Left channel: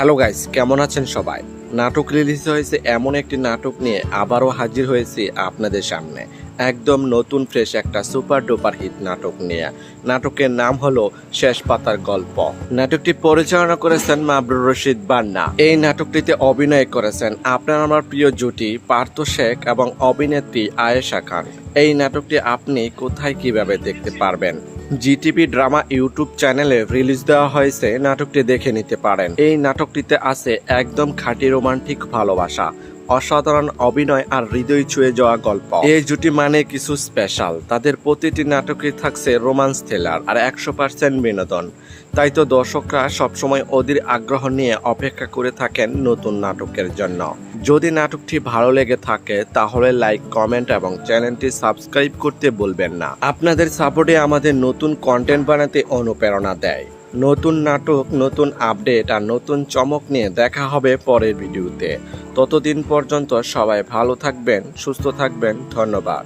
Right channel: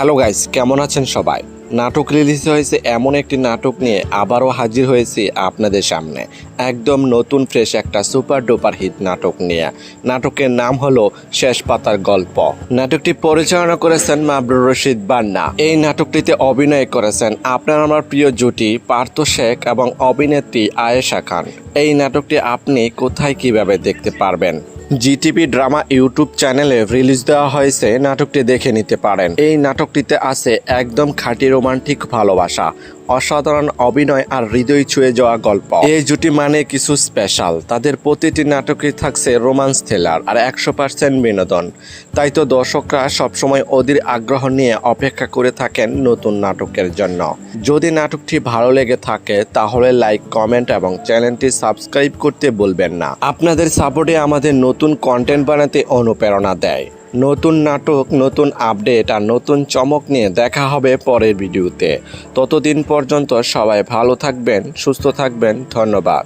Hello guys, কেমন আছেন সবাই? নাটক রিলিজ হয়েছে এমন একটি নাটক নিয়ে আবারও হাজির হয়েছি আপনাদের সামনে। একদম নতুন ফ্রেশ একটা সুপার ডুপার হিট নাটক নিয়ে। নাটকের নাম হলো শেষ পাতার গল্প। নাটকটি পরিচালনা করেছেন মাবরুর রশিদ বান্না। এই নাটকটিতে অভিনয় করেছেন আপনার আমার প্রিয় জুটি পার্থ শেখ এবং অভিনেত্রী আয়েশা খান। এই নাটকটি আপনি কোথায় কিভাবে দেখতে পারবেন? জিটিভি ড্রামা ইউটিউব চ্যানেলে রিলিজ দেওয়া হয়েছে, নাটকটি দেখে নিতে পারেন। এই নাটকটিতে আছে একদম খাঁটি রোমান্টিক ভালোবাসা, অসাধারণ অভিনয় আর হৃদয় ছুঁয়ে যাওয়া গল্প। এই জুটি মানে কিছু স্পেশাল। তাদের প্রতিটি নাটকই থাকছে রোমান্স থ্রিলার আর 100% বিনোদন। তাই তো দর্শকরা সবসময় অধীর আগ্রহ নিয়ে অপেক্ষা করে থাকেন নতুন নাটকের জন্য। যদি নাটকটি ভালো লেগে থাকে তাহলে লাইক, কমেন্ট এবং চ্যানেলটি সাবস্ক্রাইব করতে ভুলবেন না। আপনাদের সাপোর্টে আমাদের নতুন কন্টেন্ট বানাতে অনুপ্রেরণা দেয়। নতুন নাটক, নতুন আপডেট আর নতুন চমক নিয়ে দেখা হবে পরের ভিডিওতে। ততদিন পর্যন্ত সবাই ভালো থাকবেন, সুস্থ থাকবেন। ধন্যবাদ।